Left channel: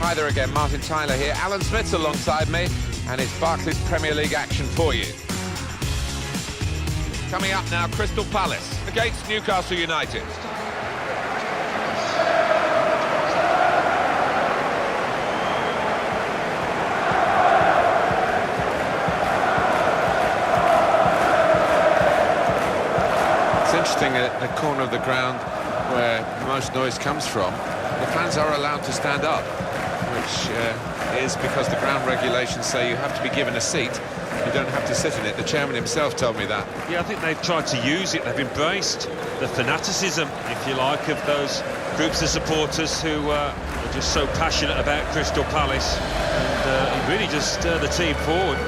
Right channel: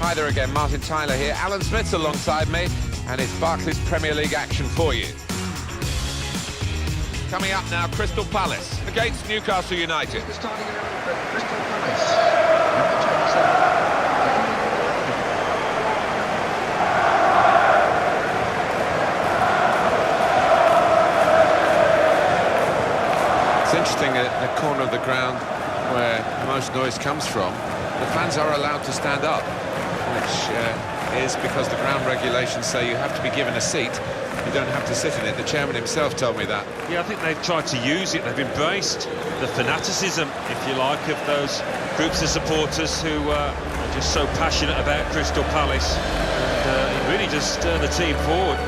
Hi there again, Martin Tyler here. Alan Smith's alongside me, and it's Barclays Premier League action for you. Coming up now, Crystal Palace against Newcastle United. It's interesting, at the corner of the ground where most noise comes from, the fans are allowed to stand up, which is because the ground regulations say you have to be given a seat. You don't have to sit in it. The chairman himself told me that. Yeah, I think they've tried to use it. They've embraced the fanaticism, if you like, of those groups of supporters who are just so passionate about Crystal Palace, and it really just stir the team forward.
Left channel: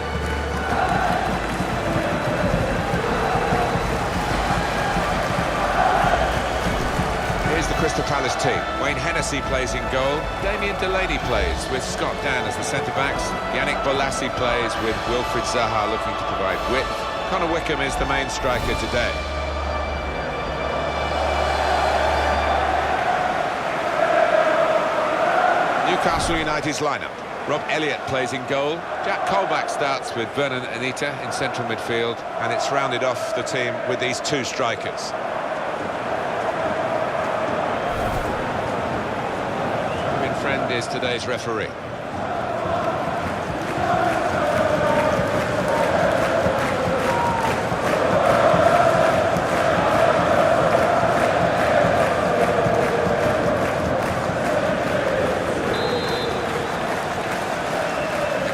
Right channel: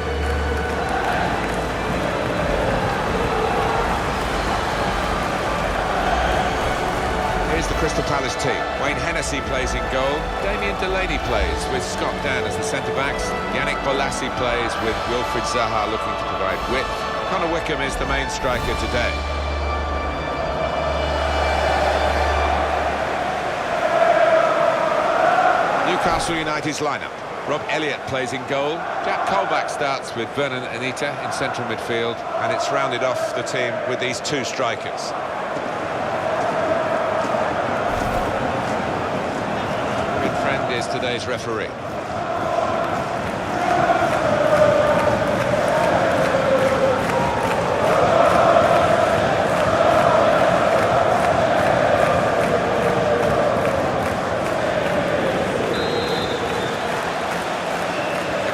Here's the Crystal Palace team. Wayne Hennessy plays in goal. Damien Delaney plays with Scott Dan as the centre-backs. Yannick Bolasie plays with Wilfried Zaha looking to provide width. Connor Wickham is the main striker today. Newcastle United's lineup. Rob Elliott plays in goal. Jack Colback starts with Vernon Anita in central midfield, and it's rounded off the team with these two strikers. Friend is today's referee. It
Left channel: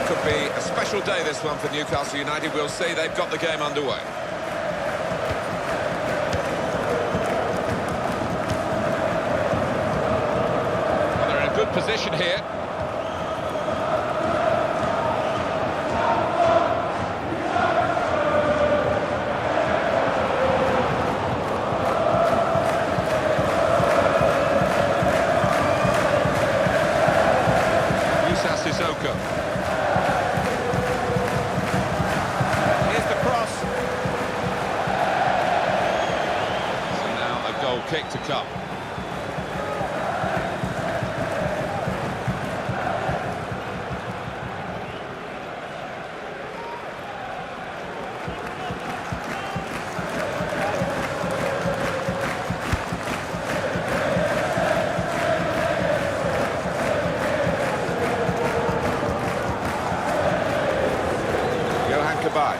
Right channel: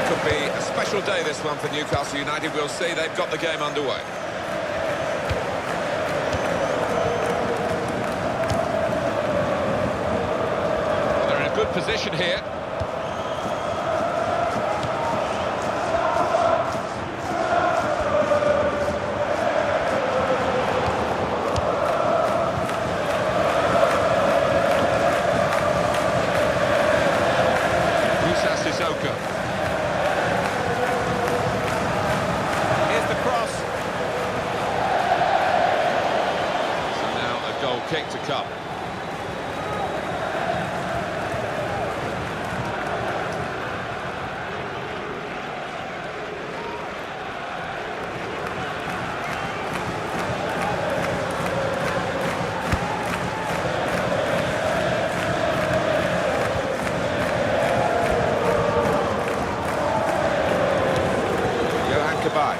could be a special day, this one, for Newcastle United. We'll see. They've got the game underway. Good position here. Musa Sissoko. Here's the cross. So now a goal kick to come. Goodbye.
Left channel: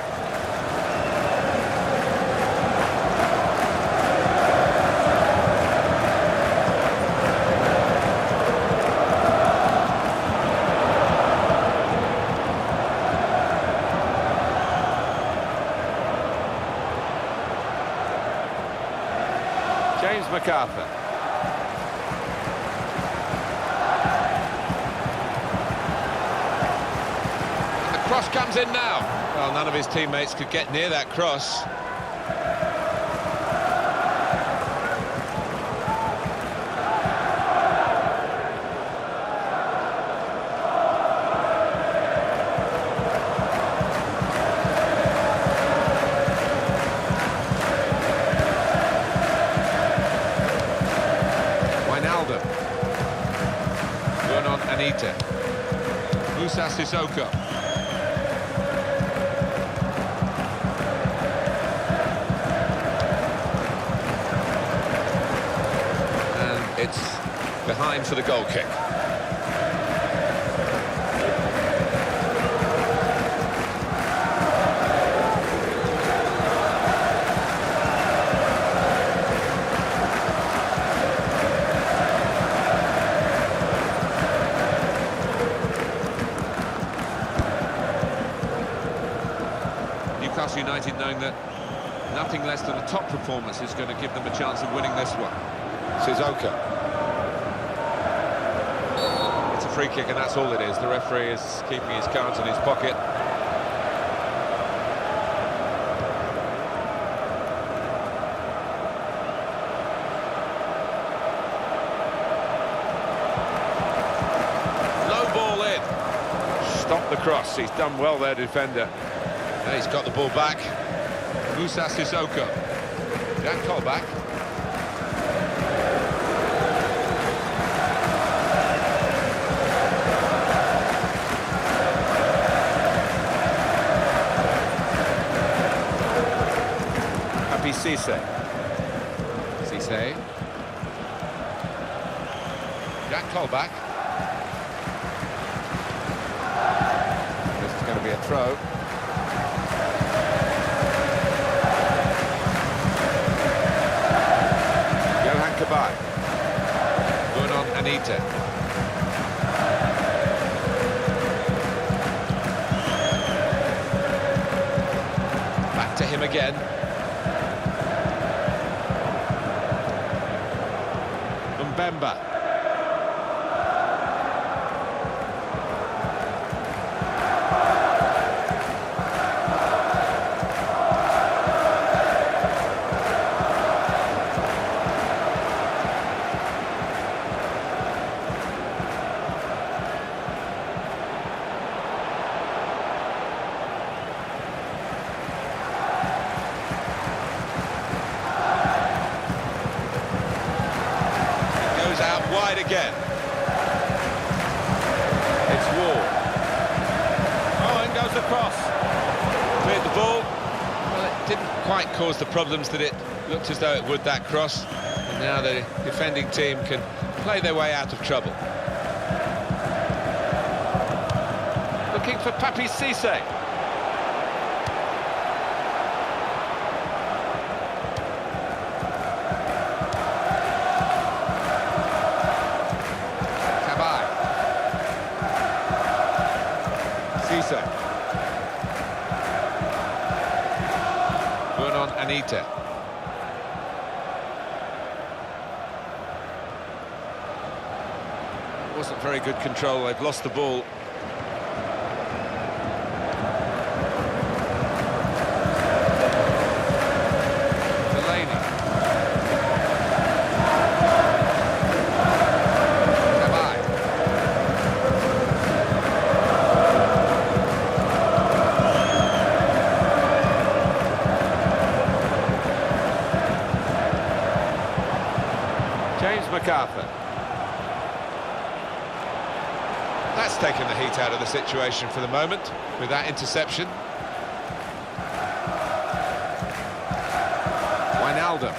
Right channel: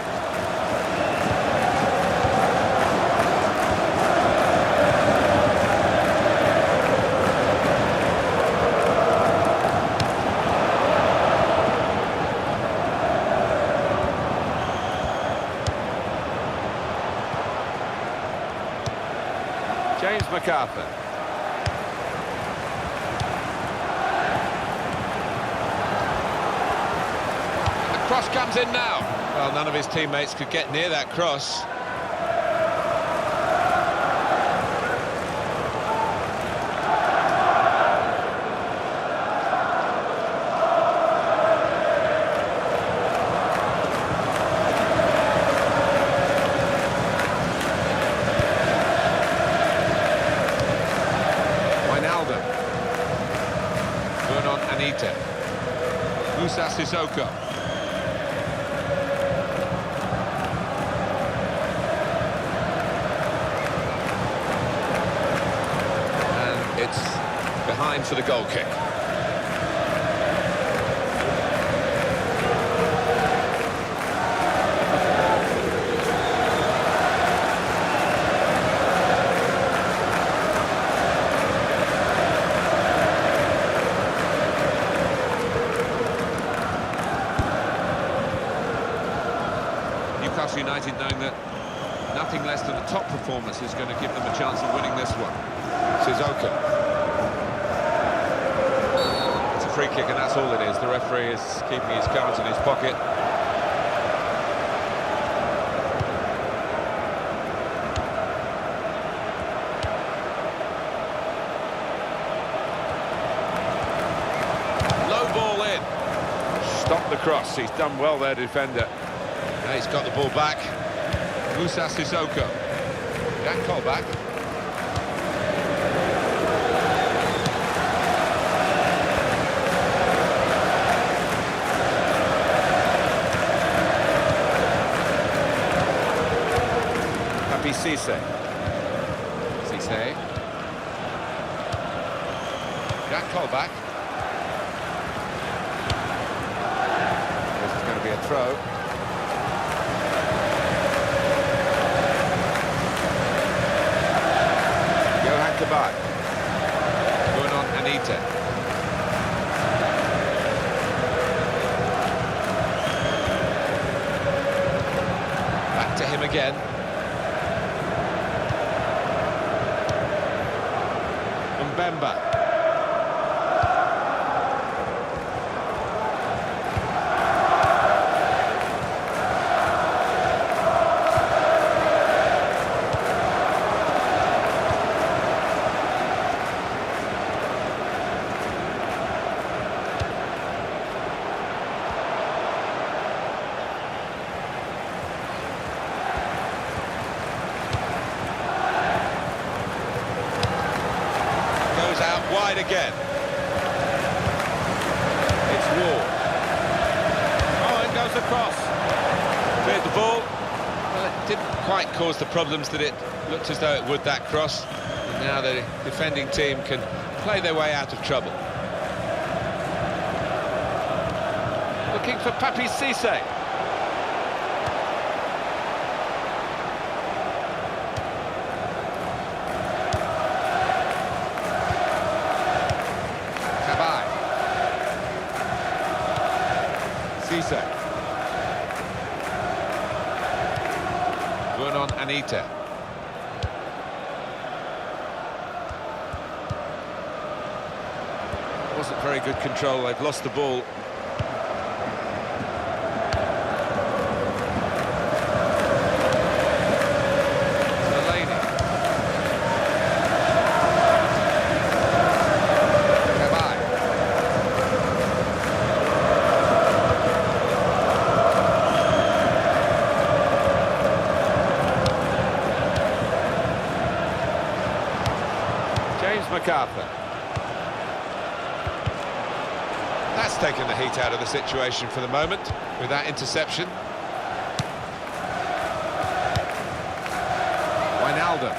James MacArthur. And the cross comes in now. Well, none of his teammates could get near that cross. Wijnaldum. Vernon Anita. Musa Sissoko. It's behind for the goal kick. Newcastle United knowing that nothing less than a top performance is going to give them a chance of winning this one. Sissoko. It's a free kick, and that's all it is. The referee is keeping his cards in his pocket. Low ball in. Stop the cross. He's done well there, defender. Now he's got the ball back. Musa Sissoko. Jack Colback. Papi Cisse. Cisse. Jack Colback. This is going to be a throw. Johan Cabaye. Bruno Anita. Back to him again. Mbemba. Out wide again. It's Ward. Oh, and goes across. Cleared the ball. Well, it didn't quite cause the problems that it looked as though it would, that cross. And now the defending team can play their way out of trouble. Looking for Papi Cisse. Cisse. Bruno Anita. Wasn't very good control, they've lost the ball. Delaney. Cabaye. James MacArthur. That's taken the heat out of the situation for the moment with that interception. Wijnaldum.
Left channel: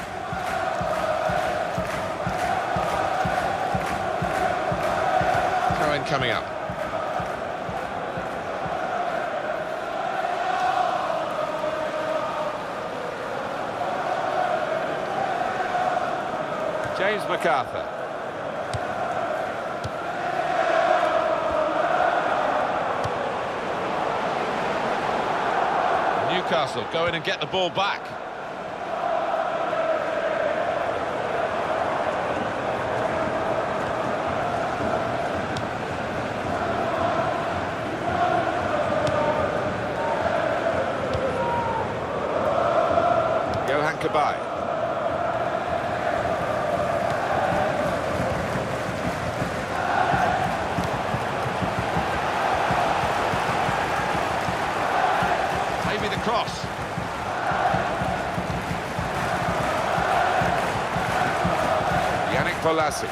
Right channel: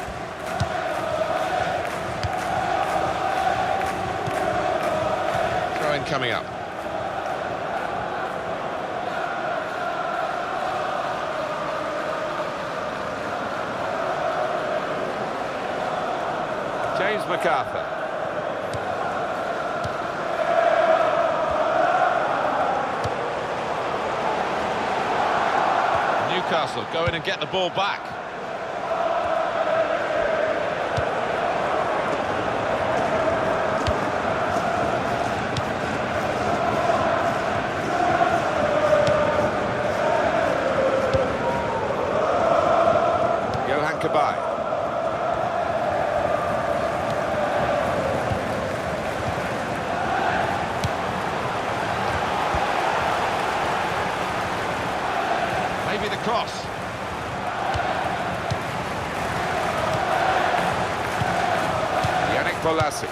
Throw-in coming up. James MacArthur. Newcastle go in and get the ball back. Johan Cabaye. Maybe the cross. Yannick Bolasie.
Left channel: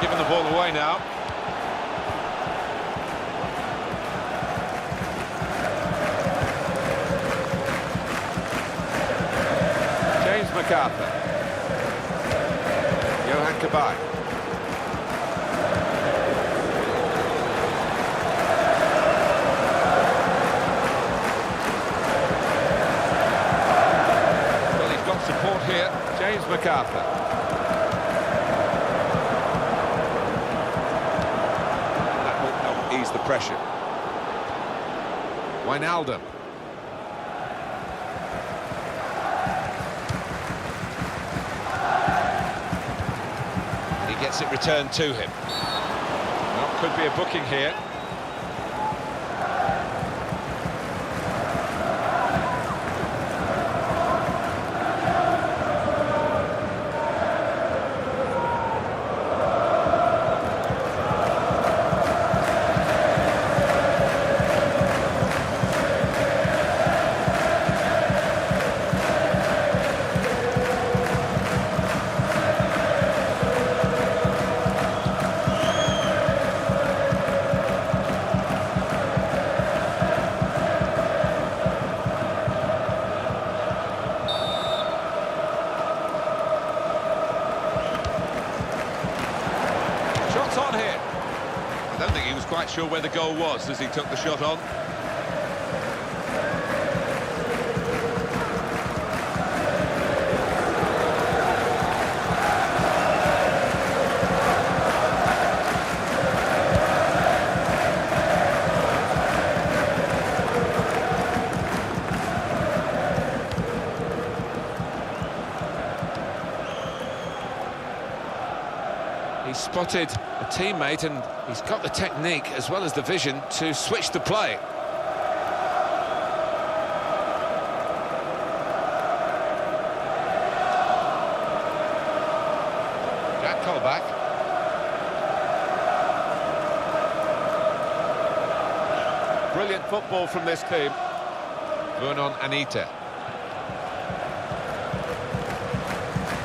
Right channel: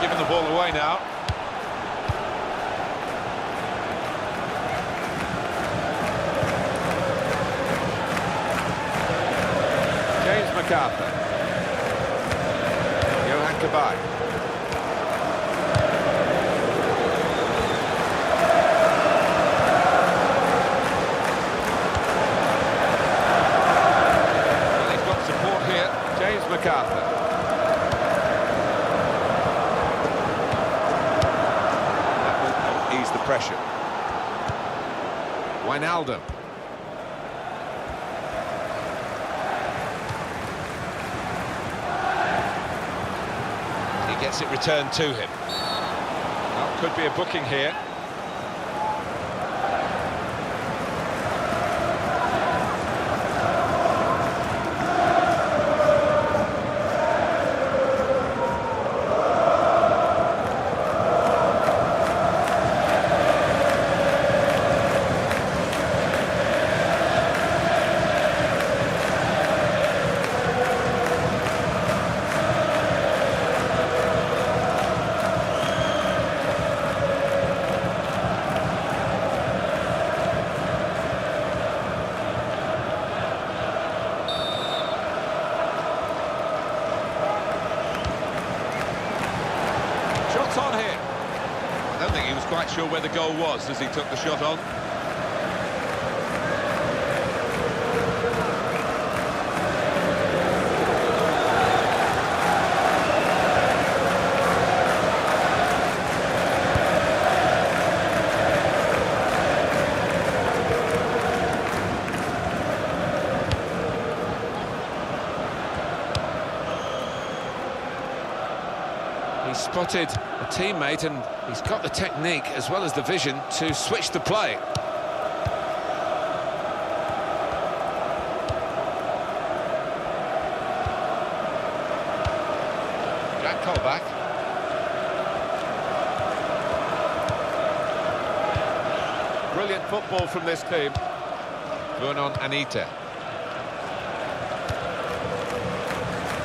Giving the ball away now. James MacArthur. Johan Cabaye. Support here, James MacArthur. That will help ease the pressure. Wijnaldum. He gets it returned to him. Well, could be a booking here. Shots on here. I don't think he was quite sure where the goal was as he took the shot on. He's spotted a teammate and he's got the technique as well as the vision to switch the play. Jack Colback. Brilliant football from this team. Vernon Anita.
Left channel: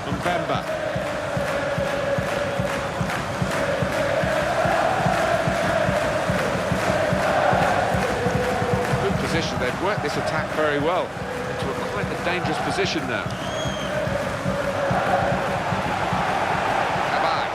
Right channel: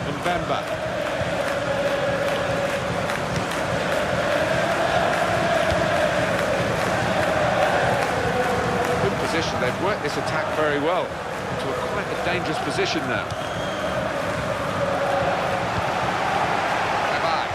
Mbemba. Position. They've worked this attack very well into quite a dangerous position now. Bye-bye.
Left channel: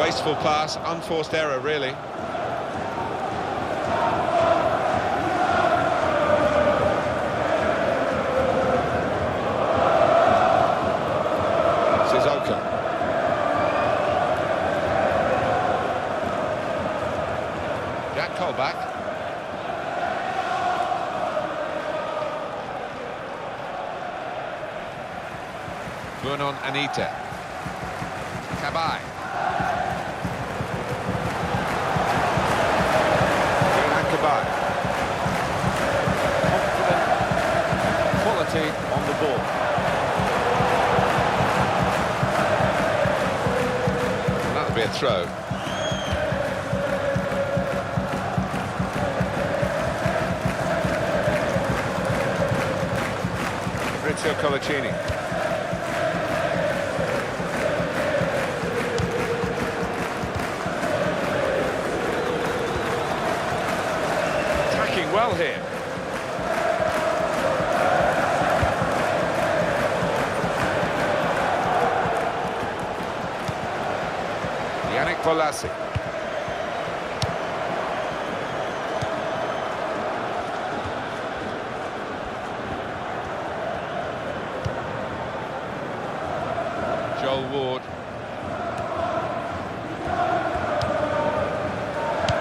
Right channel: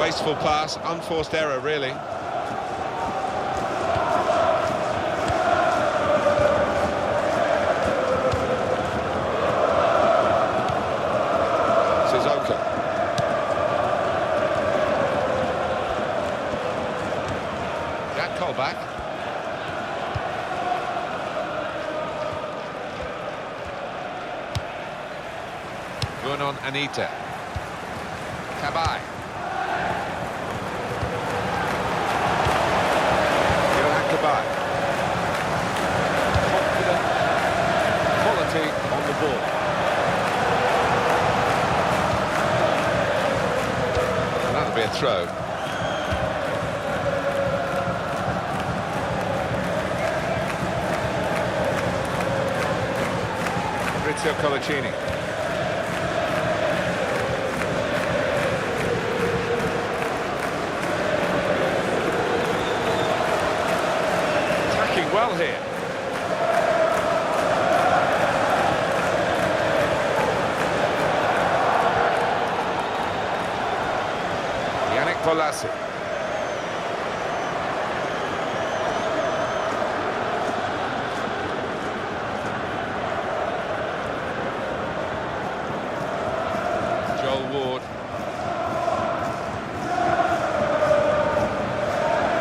Wasteful pass, unforced error really. Oka. Jack Colback. Vernon Anita. Cabaye. Johan Cabaye. Confident quality on the ball. That'll be a throw. Fabrizio Colaccini. Attacking well here. Yannick Bolasie. Joel Ward.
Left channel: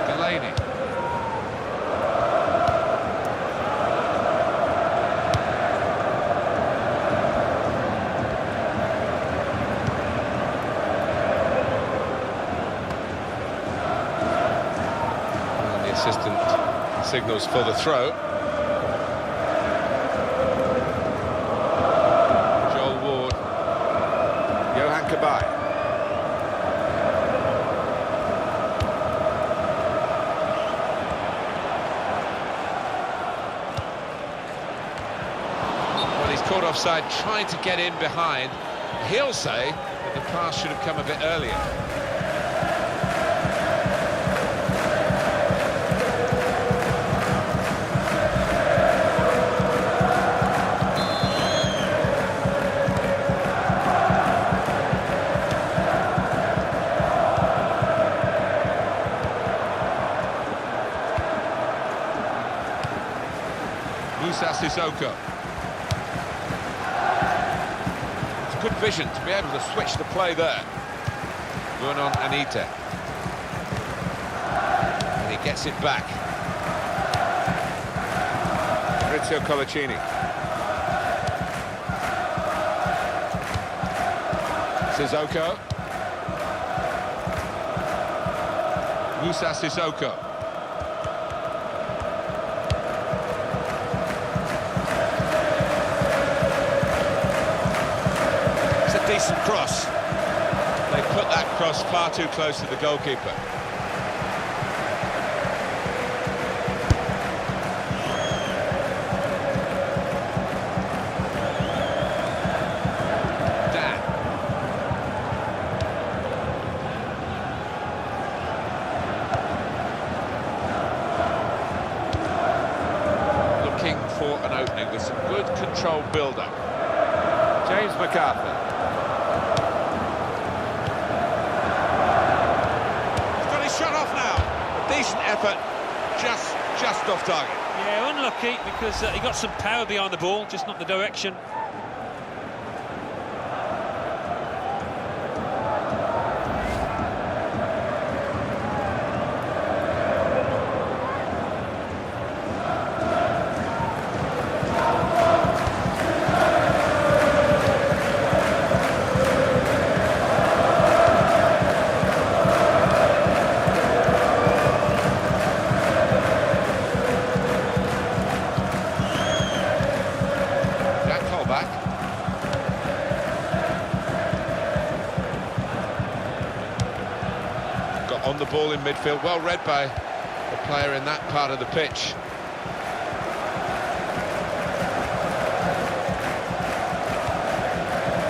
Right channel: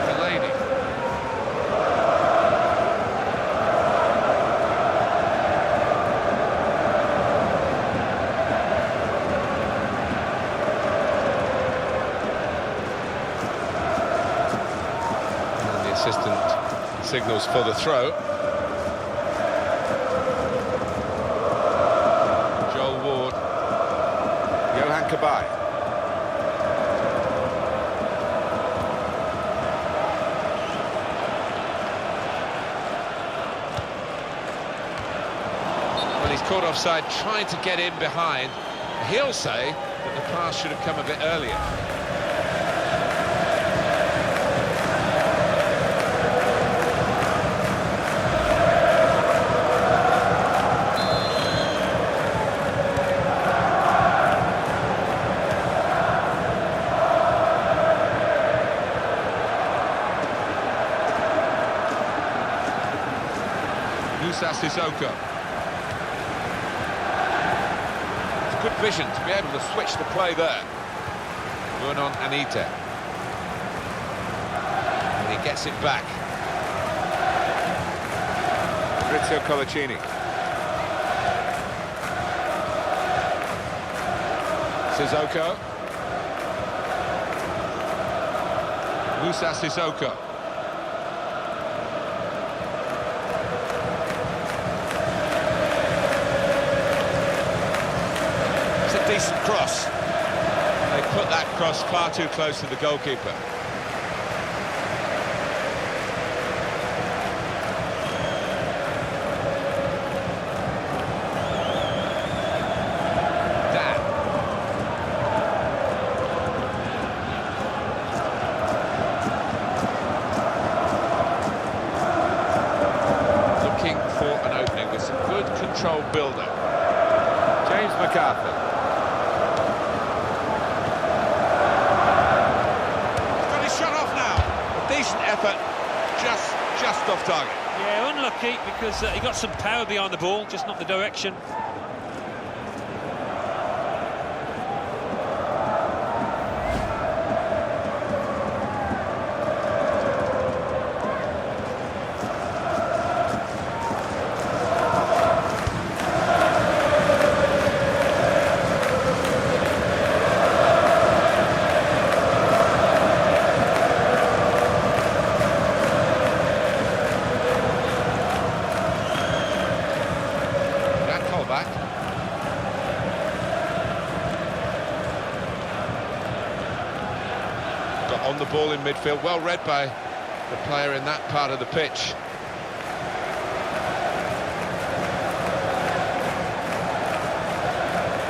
Delaney. Assistant signals for the throw. Joel Ward. Johan Cabaye. Well, he's caught offside trying to get in behind. He'll say that the pass should have come a bit earlier. Moussa Sissoko. It's good vision to be able to switch the play there. Vernon Anita. And he gets it back. Fabrizio Colaccini. Sissoko. Moussa Sissoko. Decent cross. They put that cross far too close to the goalkeeper. Dan. for an opening with some good controlled build-up. James McCarthy. He's got his shot off now. A decent effort, just off target. Yeah, unlucky because he got some power behind the ball, just not the direction. Back. Got on the ball in midfield, well read by the player in that part of the pitch.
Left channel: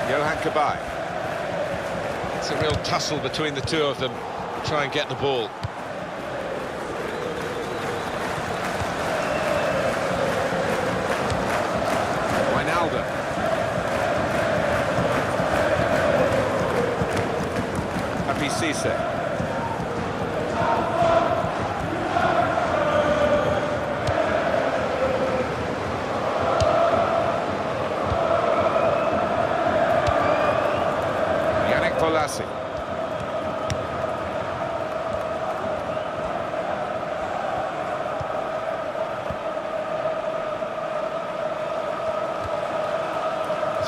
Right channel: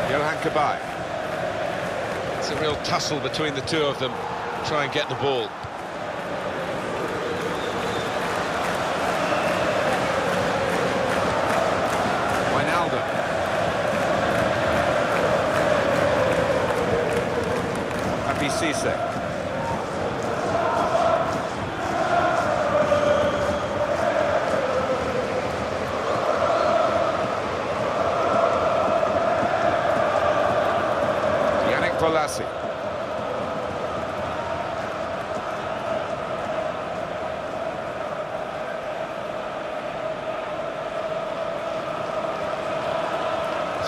Johan Cabaye. It's a real tussle between the two of them to try and get the ball. Wijnaldum. Papi Cisse. Yannick Bolasie.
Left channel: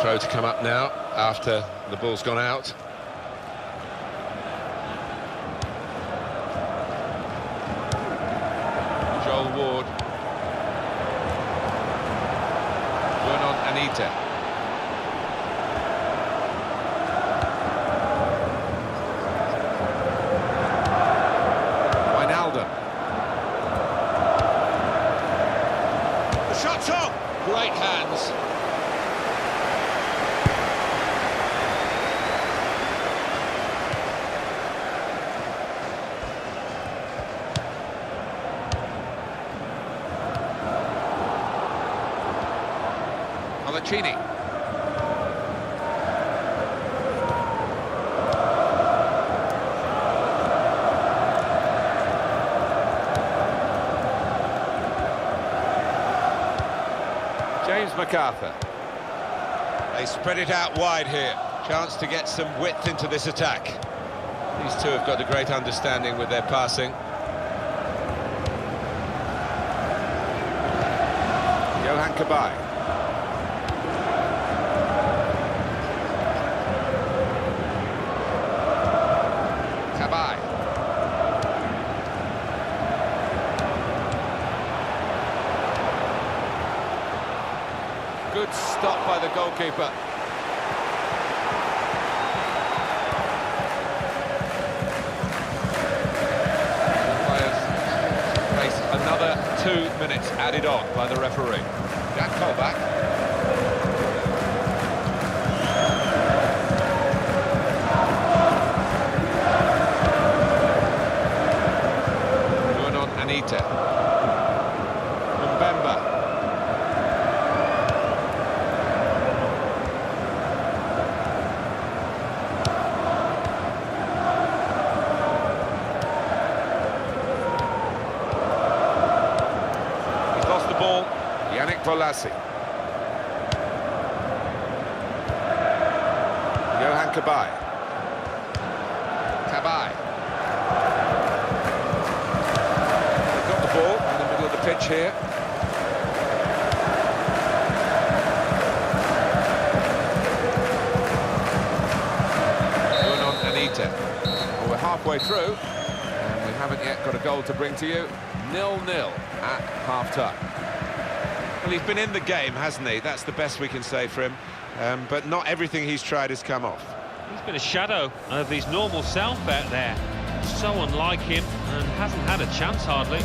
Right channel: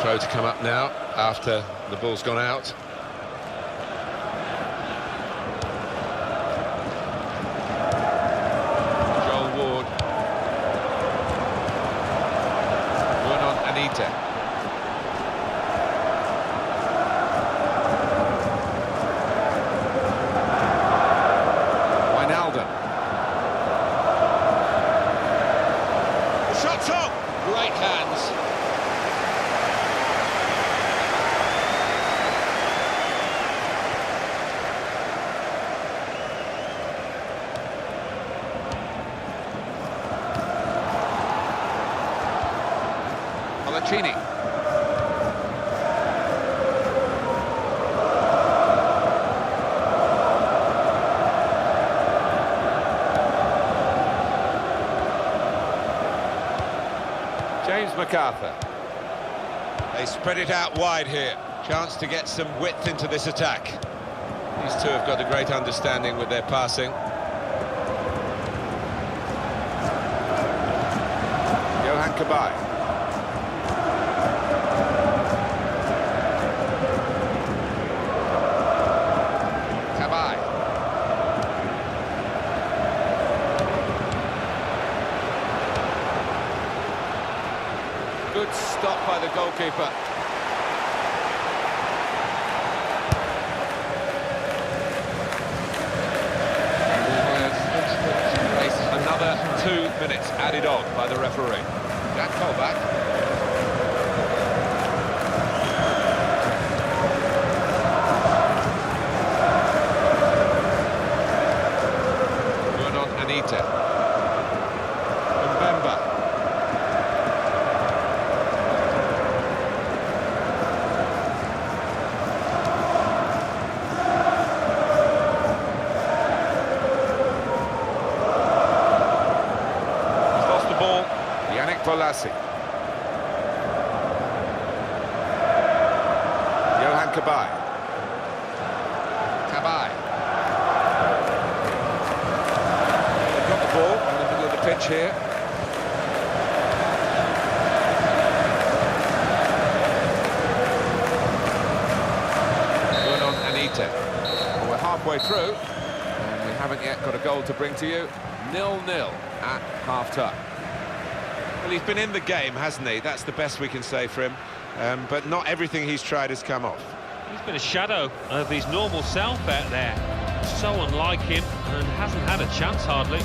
Throw to come up now after the ball's gone out. Joel Ward. Vernon Anita. Wijnaldum. The shot's on! Great hands. Cini. James McArthur. They spread it out wide here. Chance to get some width into this attack. These two have got a great understanding with their passing. Johan Cabaye. Good stop by the goalkeeper. Another 2 minutes added on by the referee. Jack Colback. Vernon Anita. Mbemba. Ball, Yannick Bolasie. Johan Cabaye. Cabaye. They've got the ball in the middle of the pitch here. Vernon Anita. Well, we're halfway through, and we haven't yet got a goal to bring to you. 0-0 at half-time. Well, he's been in the game, hasn't he? That's the best we can say for him. But not everything he's tried has come off. He's been a shadow of his normal self out there. So unlike him, and hasn't had a chance hardly.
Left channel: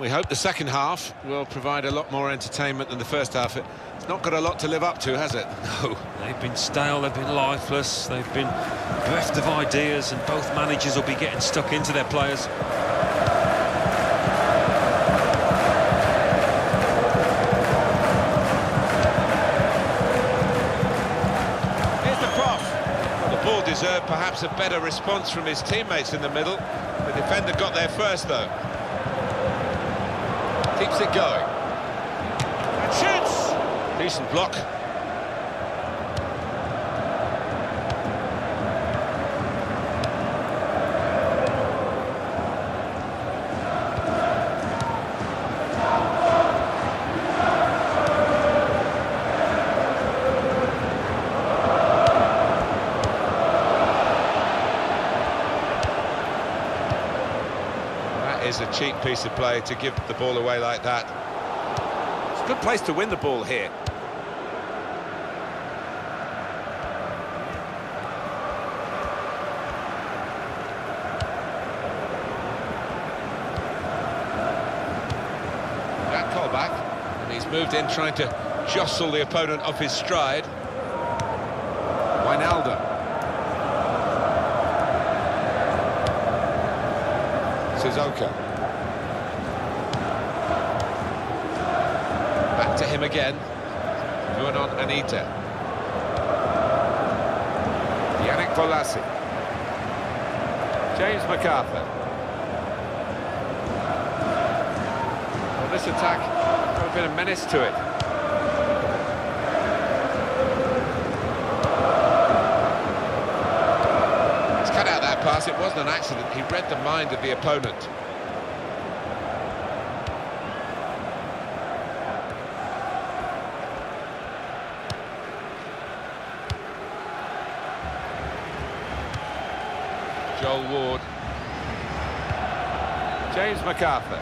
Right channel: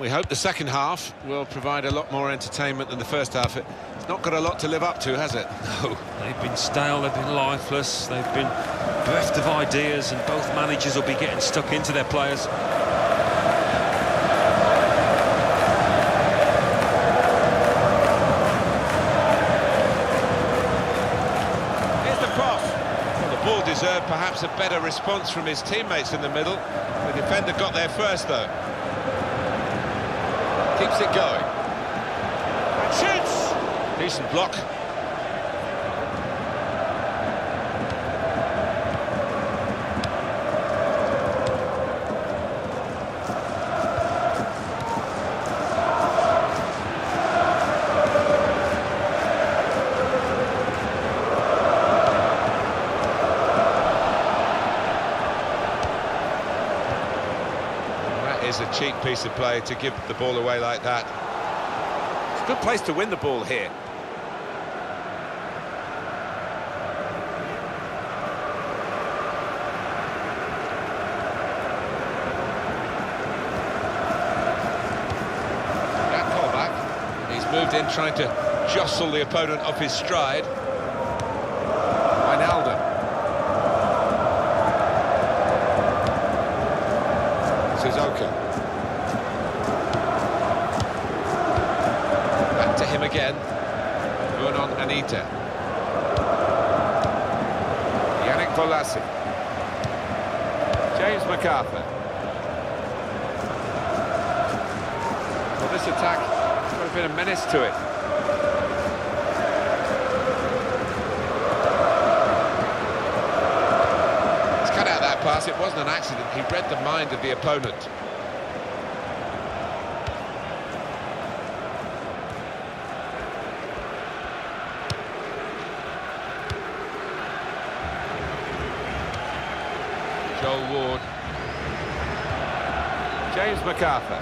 we hope the second half will provide a lot more entertainment than the first half. It's not got a lot to live up to, has it? No, they've been stale, they've been lifeless, they've been bereft of ideas, and both managers will be getting stuck into their players. Here's the cross. Well, the ball deserved perhaps a better response from his teammates in the middle. The defender got there first, though. Keeps it going. And shoots! Decent block. Is a cheap piece of play to give the ball away like that. It's a good place to win the ball here. That call back, and he's moved in trying to jostle the opponent off his stride. Wijnaldum. Sissoko. Back to him again. Vernon Anita. Yannick Bolasie. James McArthur. Well, this attack has got a bit of menace to it. He's cut out that pass. It wasn't an accident. He read the mind of the opponent. Joel Ward. James McArthur.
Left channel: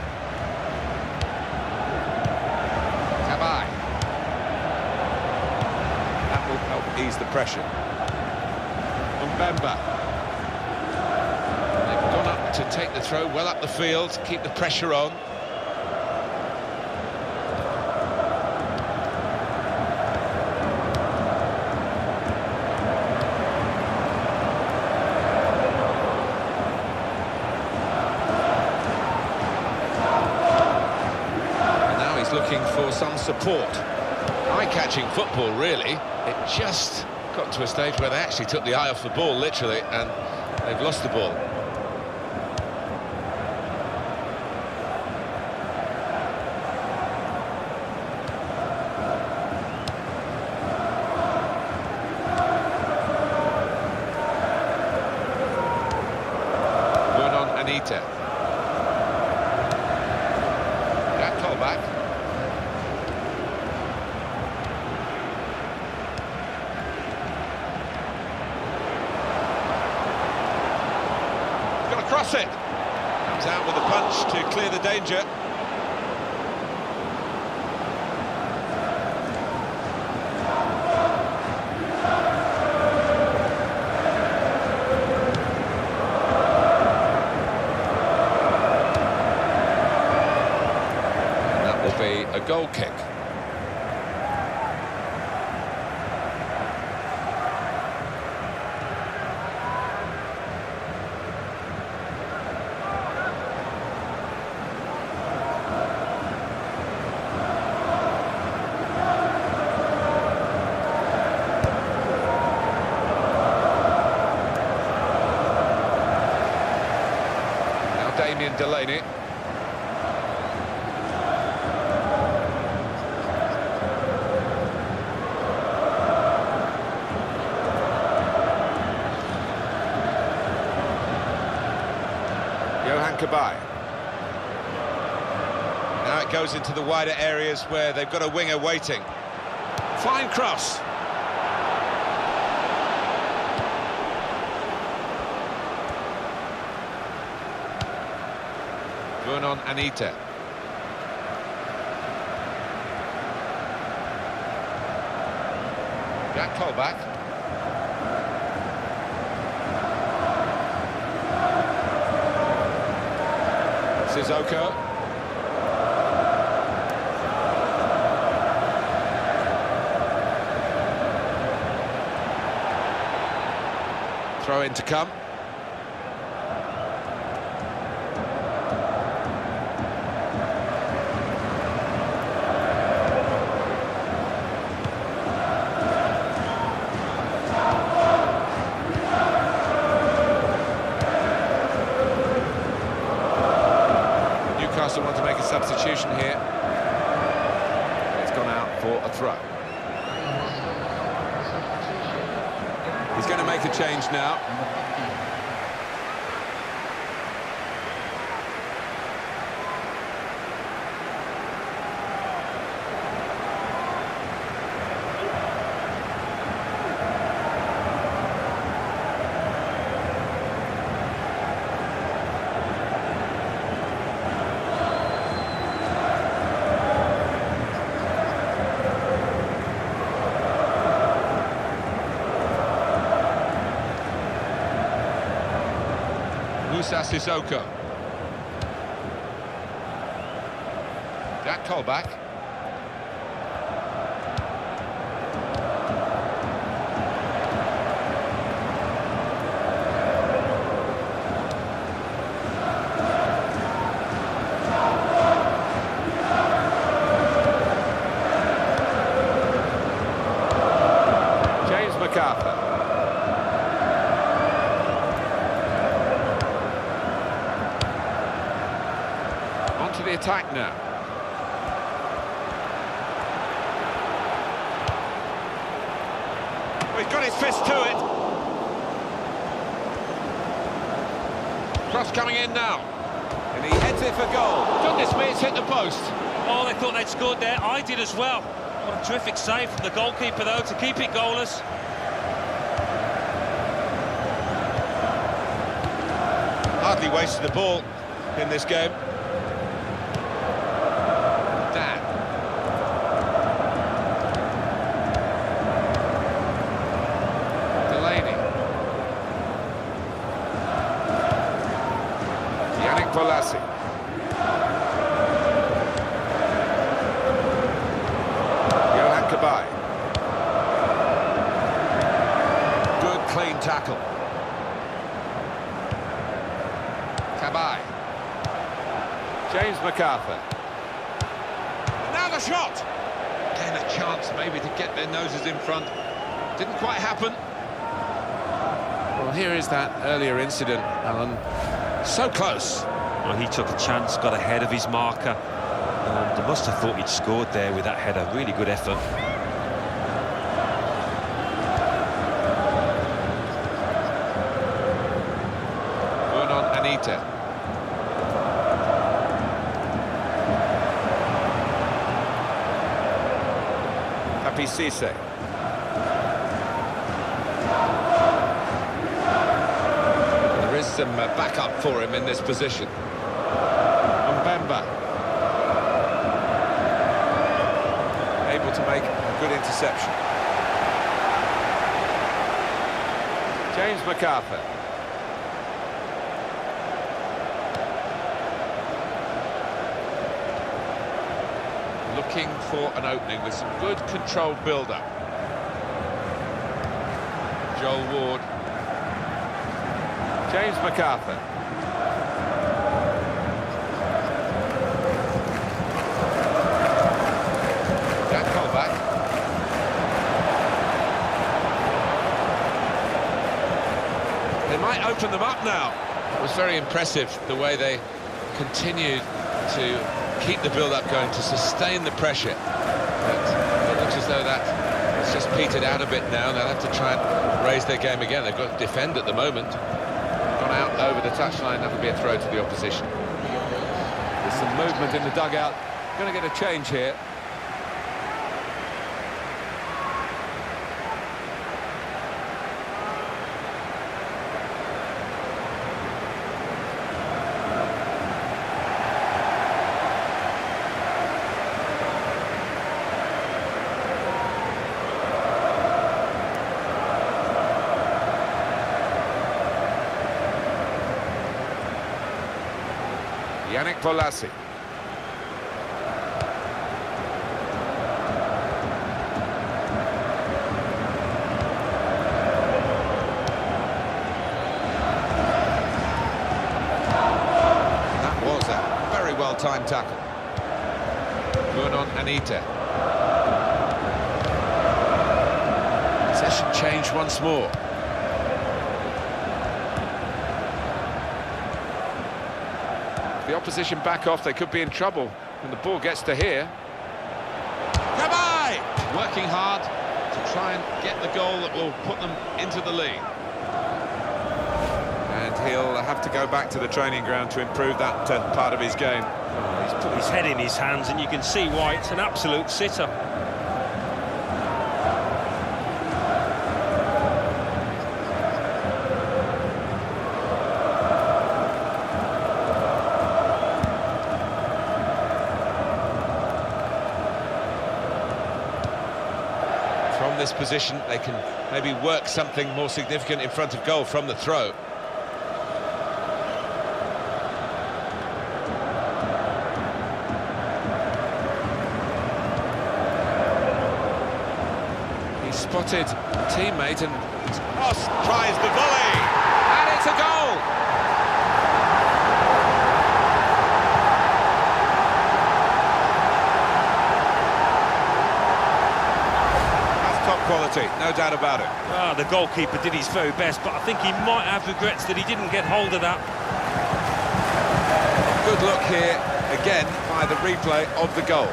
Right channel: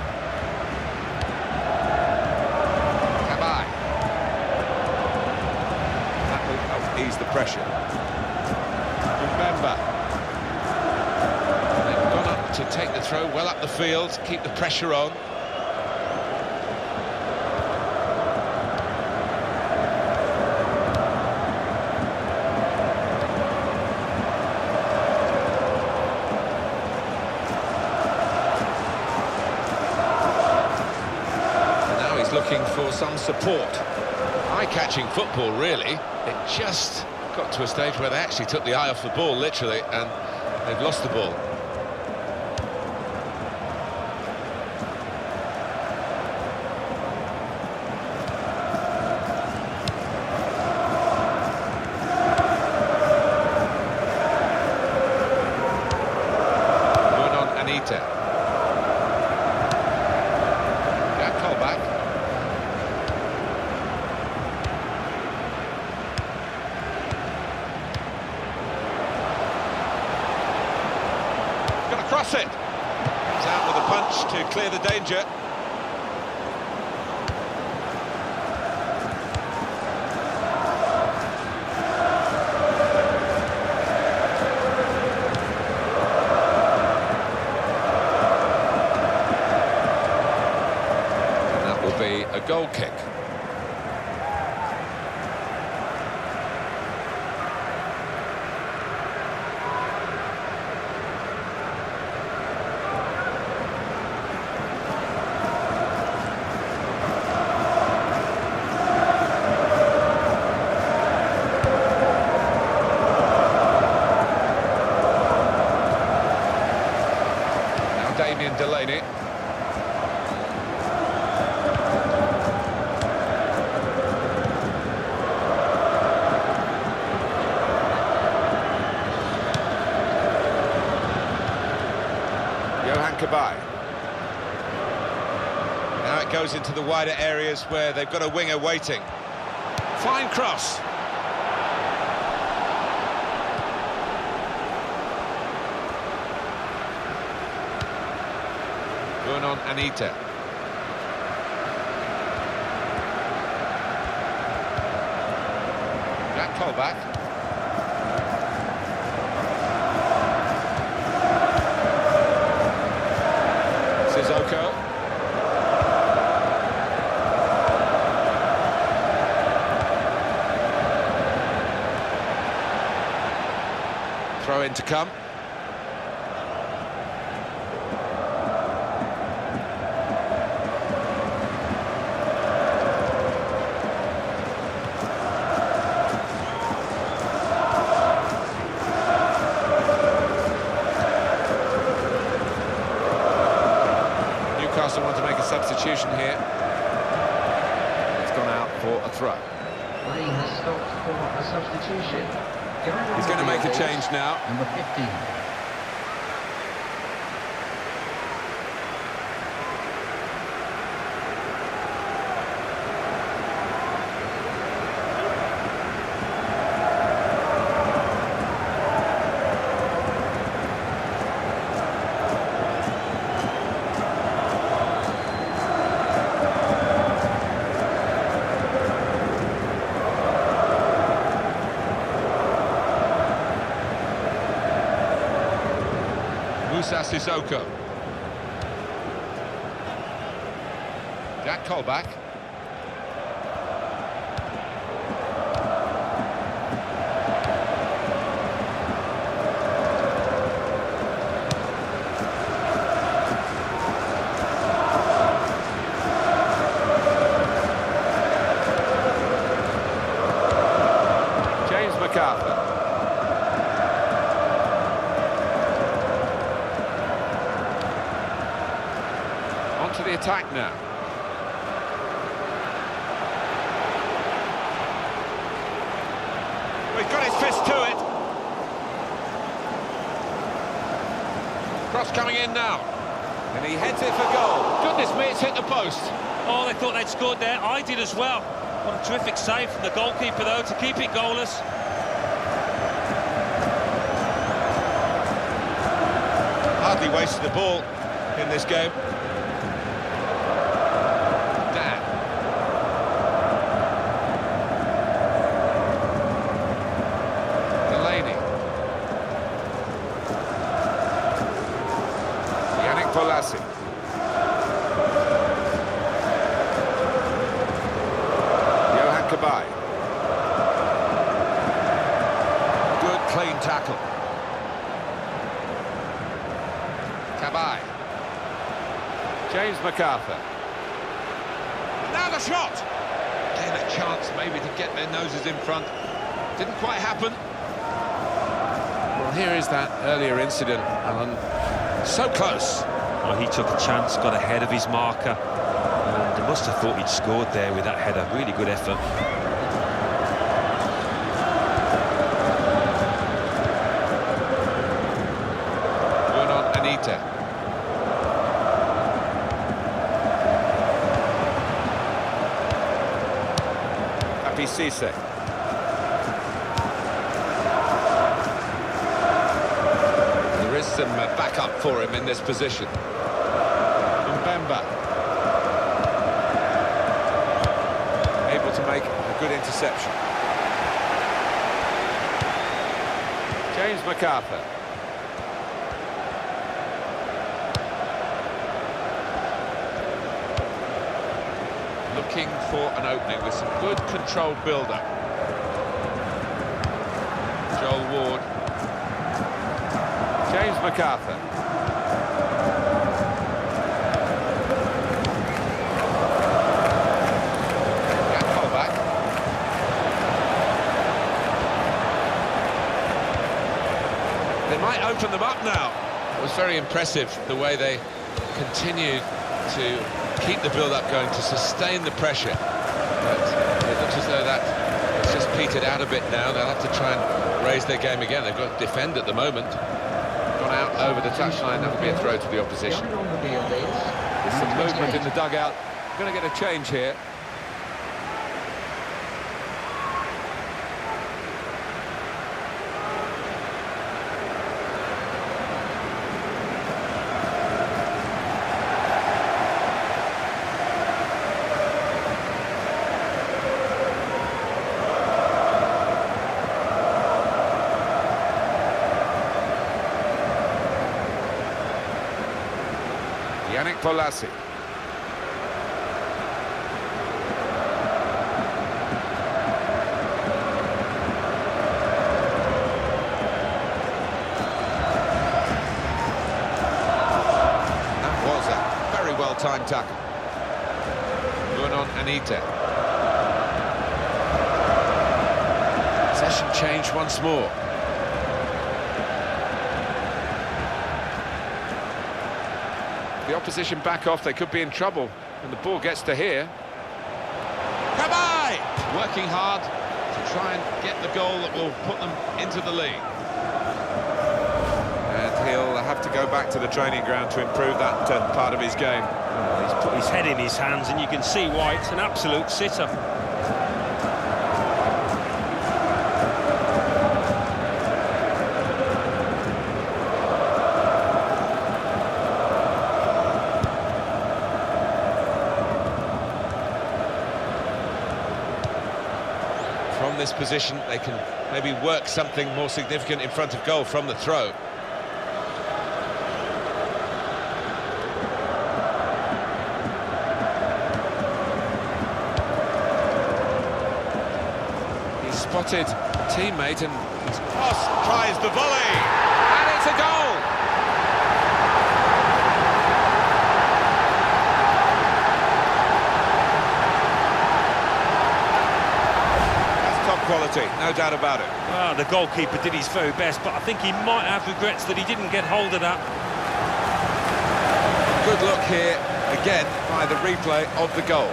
Cabaye. That will help ease the pressure. Mbemba. They've gone up to take the throw well up the field, keep the pressure on. Looking for some support. Eye-catching football, really. It just got to a stage where they actually took the eye off the ball, literally, and they've lost the ball. Vernon Anita. That call back. Cross it. Comes out with a punch to clear the danger. And that will be a goal kick. Damien Delaney. Johan Cabaye. Now it goes into the wider areas where they've got a winger waiting. Fine cross. Vernon Anita. Jack Colback. Sissoko. Throw in to come. Newcastle want to make a substitution here. It's gone out for a throw. He's going to make a change now. Number 15. Musa Sissoko. Jack Colback. James MacArthur. To the attack now. Well, he's got his fist to it. Cross coming in now. And he heads it for goal. Goodness me, it's hit the post. Oh, they thought they'd scored there. I did as well. What a terrific save from the goalkeeper, though, to keep it goalless. Hardly wasted the ball in this game. Polassi. Johan Cabaye. Good clean tackle. Cabaye. James MacArthur. Now the shot. Again, a chance maybe to get their noses in front. Didn't quite happen. Well, here is that earlier incident, Alan. So close. Well, he took a chance, got ahead of his marker, and must have thought he'd scored there with that header. Really good effort. Vernon Anita. Happy Cisse. There is some backup for him in this position. Mbemba. Able to make a good interception. James MacArthur. Looking for an opening with some good controlled build-up. Joel Ward. James MacArthur. Jack Colback. They might open them up now. It was very impressive the way they continued to keep the build-up going, to sustain the pressure. But it looks as though that has just petered out a bit now. They'll have to try and raise their game again. They've got to defend at the moment. Gone out over the touchline. That'll be a throw to the opposition. There's some movement in the dugout. Going to get a change here. Yannick Polassi. well-timed tackle. Anita. Possession change once more. The opposition back off, they could be in trouble, and the ball gets to here. Kabay! Working hard to try and get the goal that will put them into the lead. And he'll have to go back to the training ground to improve that part of his game. Oh, he's put his head in his hands, and you can see why. It's an absolute sitter. From this position, they can maybe work something more significant in front of goal from the throw. He spotted a teammate and Cross tries the volley, and it's a goal! Top quality, no doubt about it. Well, the goalkeeper did his very best, but I think he might have regrets that he didn't get hold of that. Good look here, again, by the replay of the goal.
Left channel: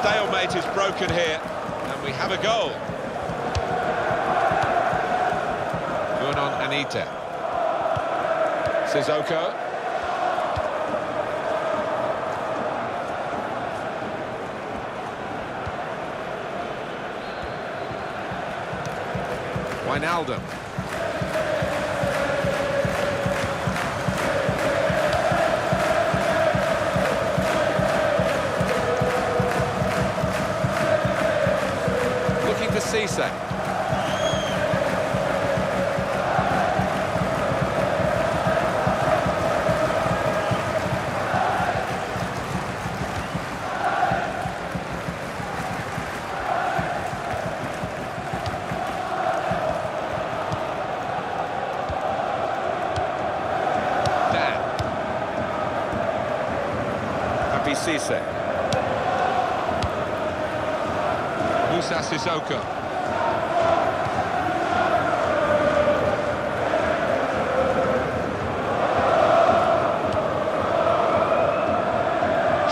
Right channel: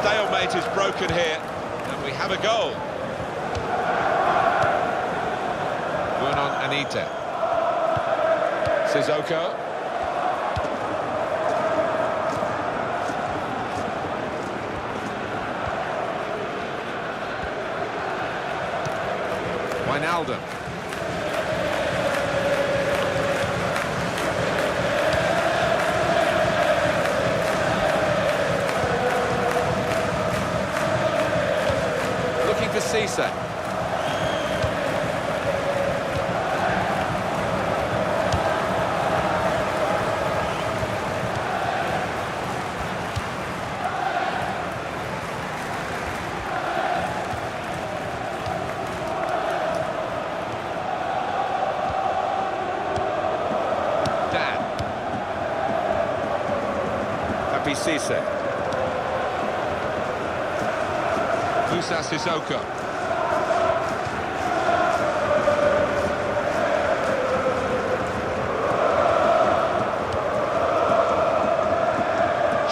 Stalemate is broken here, and we have a goal. Anita. Sissoko. Wijnaldum. For Cisse. Dan. Happy Cisse. Moussa Sissoko.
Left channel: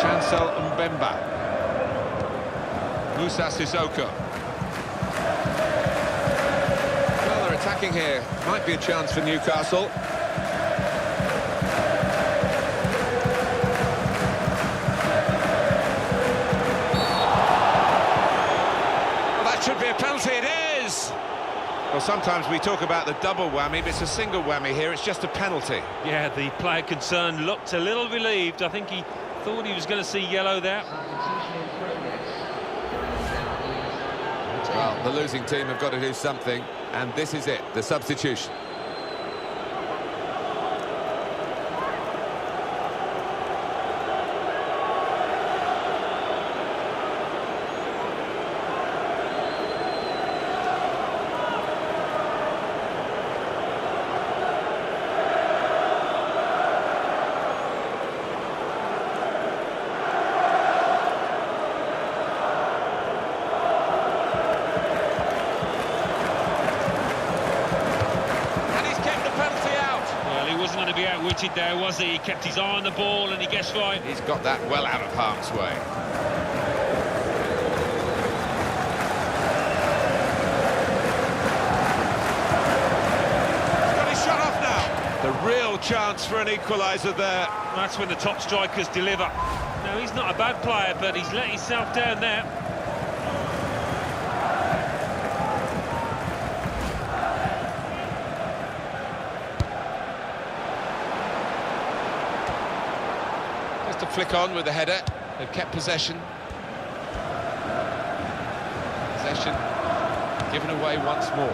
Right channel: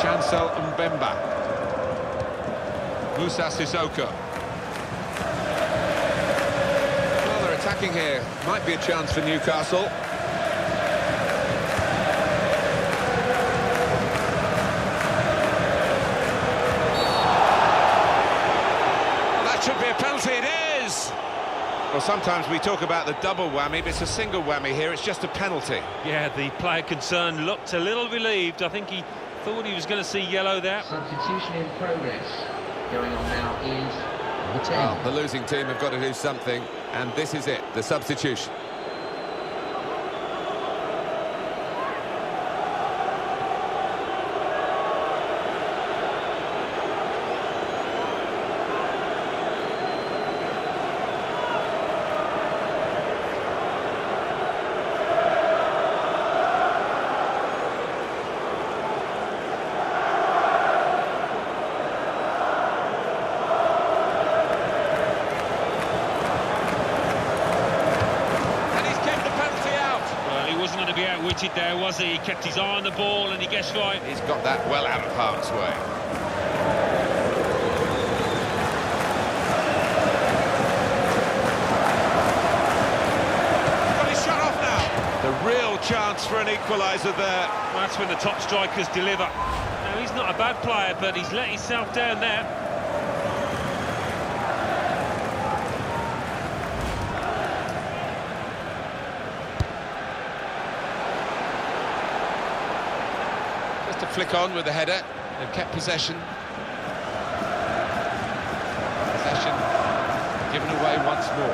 Chancel Mbemba. Moussa Sissoko. Well, they're attacking here. Might be a chance for Newcastle. Should be a penalty, it is! Well, sometimes we talk about the double whammy, but it's a single whammy here, it's just a penalty. Yeah, the player concerned looked a little relieved. I think he thought he was going to see yellow there. Substitution in progress. Going on now is... Well, the losing team have got to do something, and this is it, the substitution. Wasn't going to be outwitted there, was he? He kept his eye on the ball and he guessed right. He's got that well out of harm's way. He's got his shot off now. The real chance for an equaliser there. That's when the top strikers deliver. No, he's not a bad player, but he's let himself down there. Just to flick on with the header. They've kept possession. Possession given away once more.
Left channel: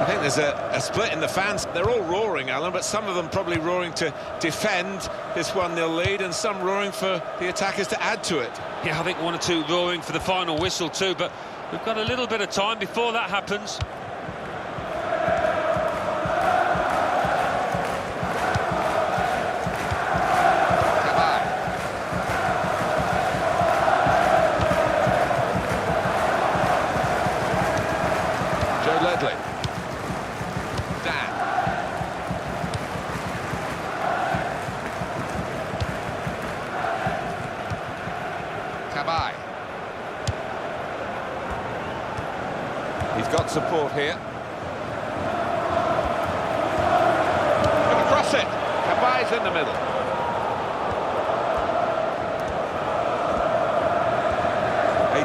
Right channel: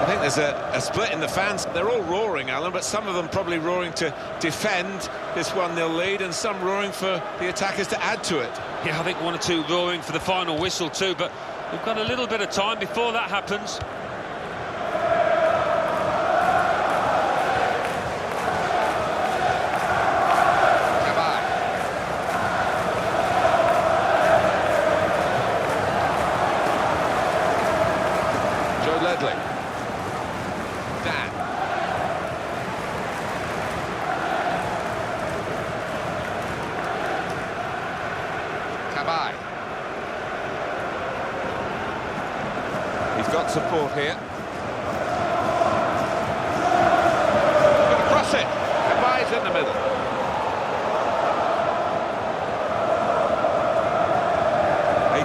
I think there's a split in the fans. They're all roaring, Alan, but some of them probably roaring to defend this 1-0 lead, and some roaring for the attackers to add to it. Yeah, I think one or two roaring for the final whistle too, but we've got a little bit of time before that happens. Ledley. Dan. Cabaye. He's got support here. Going to cross it. Cabaye's in the middle.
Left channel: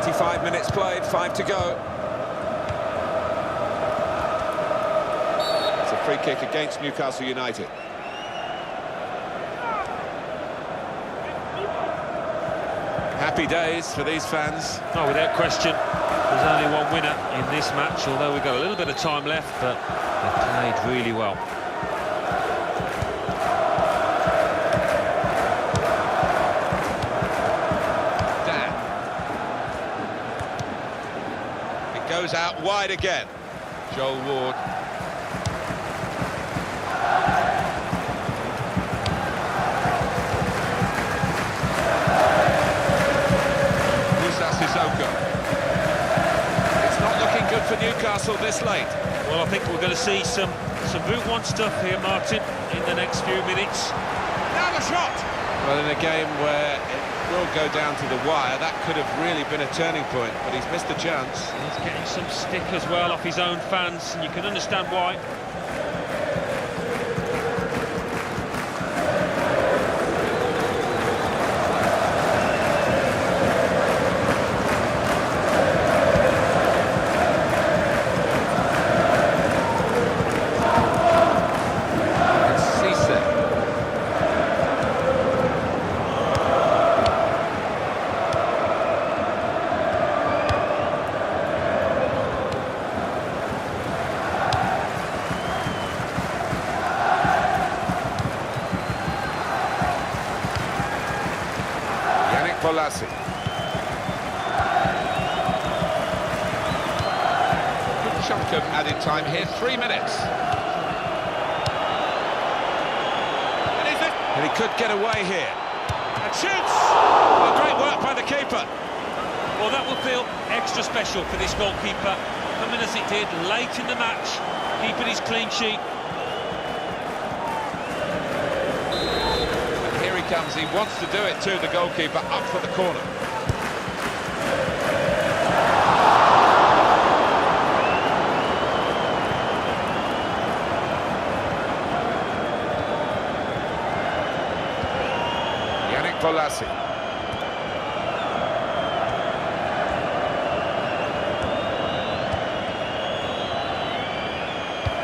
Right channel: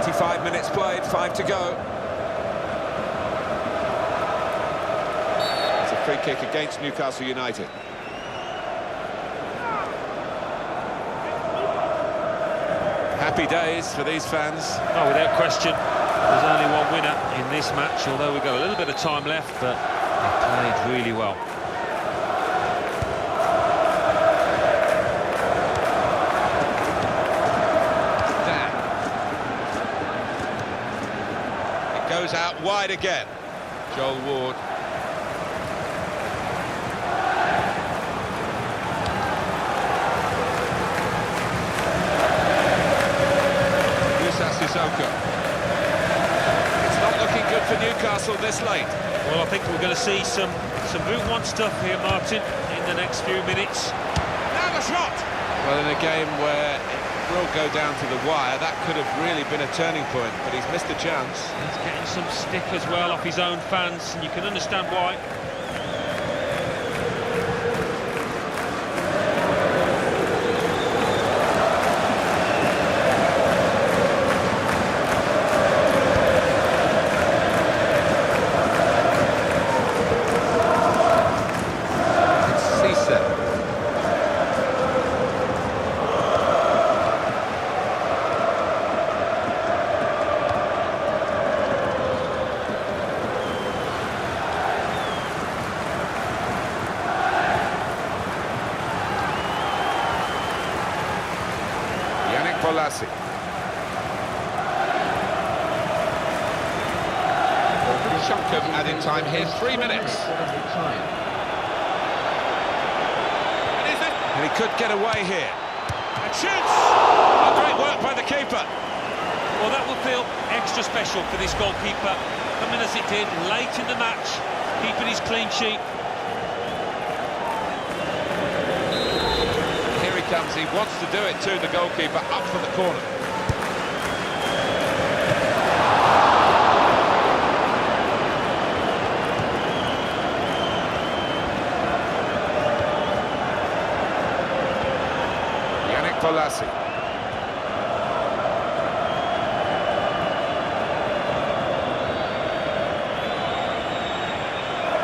.85 minutes played, 5 to go. Free kick against Newcastle United. Happy days for these fans. Oh, without question. There's only one winner in this match, although we've got a little bit of time left, but they played really well. Dan. It goes out wide again. Joel Ward. Sissoko. It's not looking good for Newcastle this late. Well, I think we're going to see some Boot One stuff here, Martin, in the next few minutes. Now the shot! Well, in a game where it will go down to the wire, that could have really been a turning point, but he's missed a chance. He's getting some stick as well off his own fans, and you can understand why. Polassi. A good chunk of added time here, 3 minutes. And he could get away here. And shoots! Oh, great work by the keeper. Well, that will feel extra special for this goalkeeper, coming as it did late in the match, keeping his clean sheet. Comes, he wants to do it too, the goalkeeper, up for the corner. Yannick Polassi.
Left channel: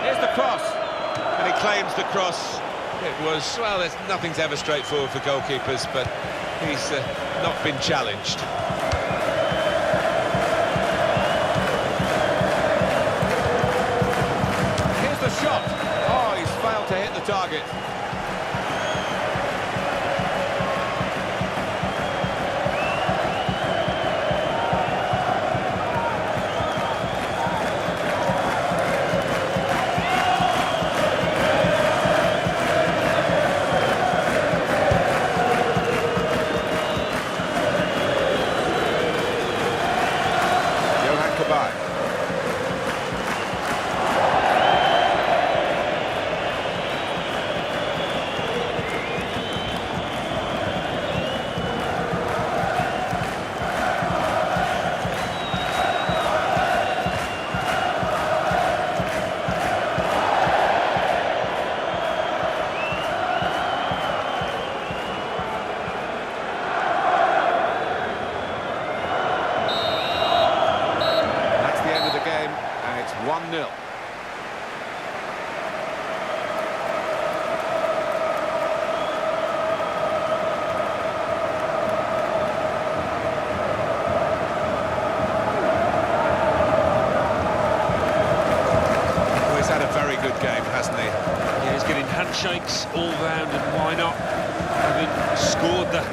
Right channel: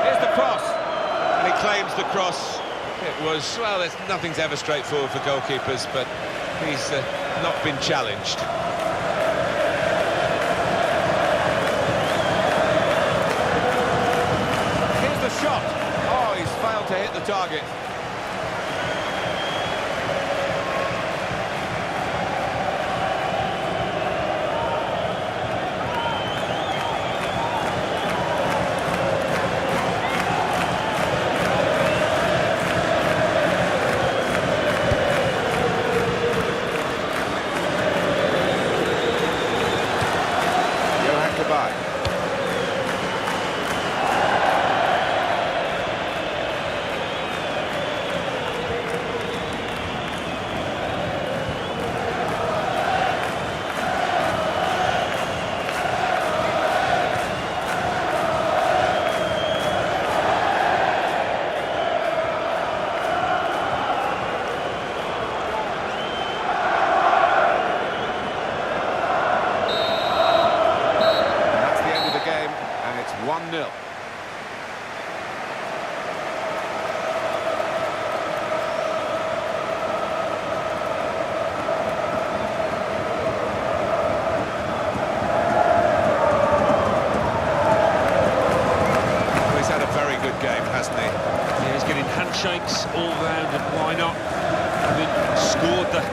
Here's the cross, and he claims the cross. It was, well, nothing's ever straightforward for goalkeepers, but he's not been challenged. Here's the shot. Oh, he's failed to hit the target. hasn't he? Yeah, he's getting handshakes all round, and why not? Having scored the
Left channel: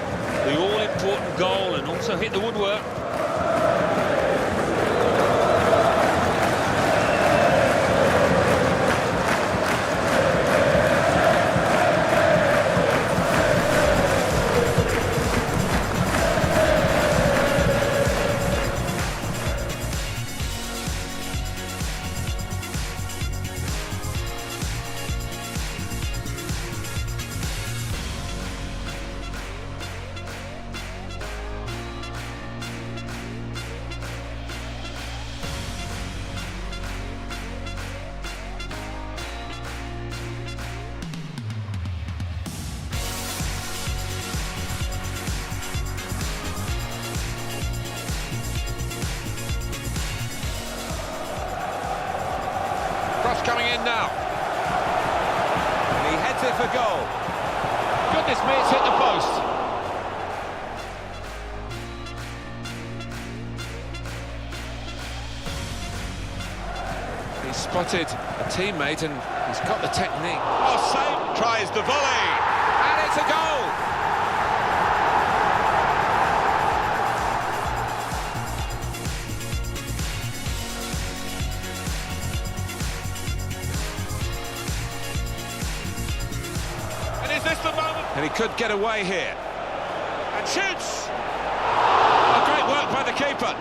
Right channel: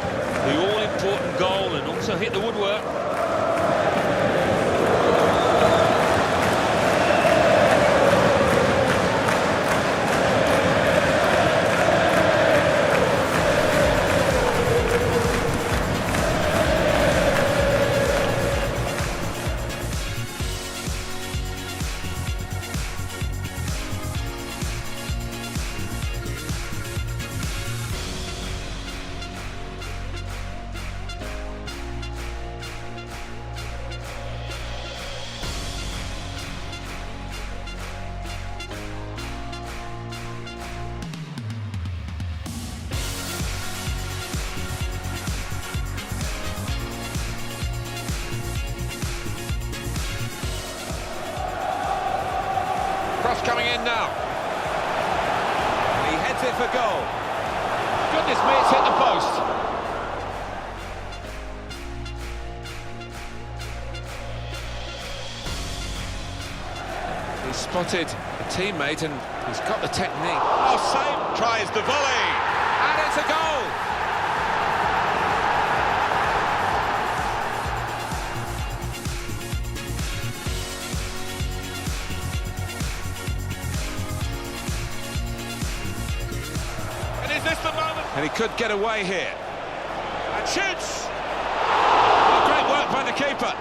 all-important goal and also hit the woodwork. Cross coming in now. And he heads it for goal. Goodness me, it's hit the post. He's spotted a teammate and he's got the technique. Oh, save, tries the volley. And it's a goal! And is this the moment? And he could get away here. And shoots. Oh, great work by the keeper.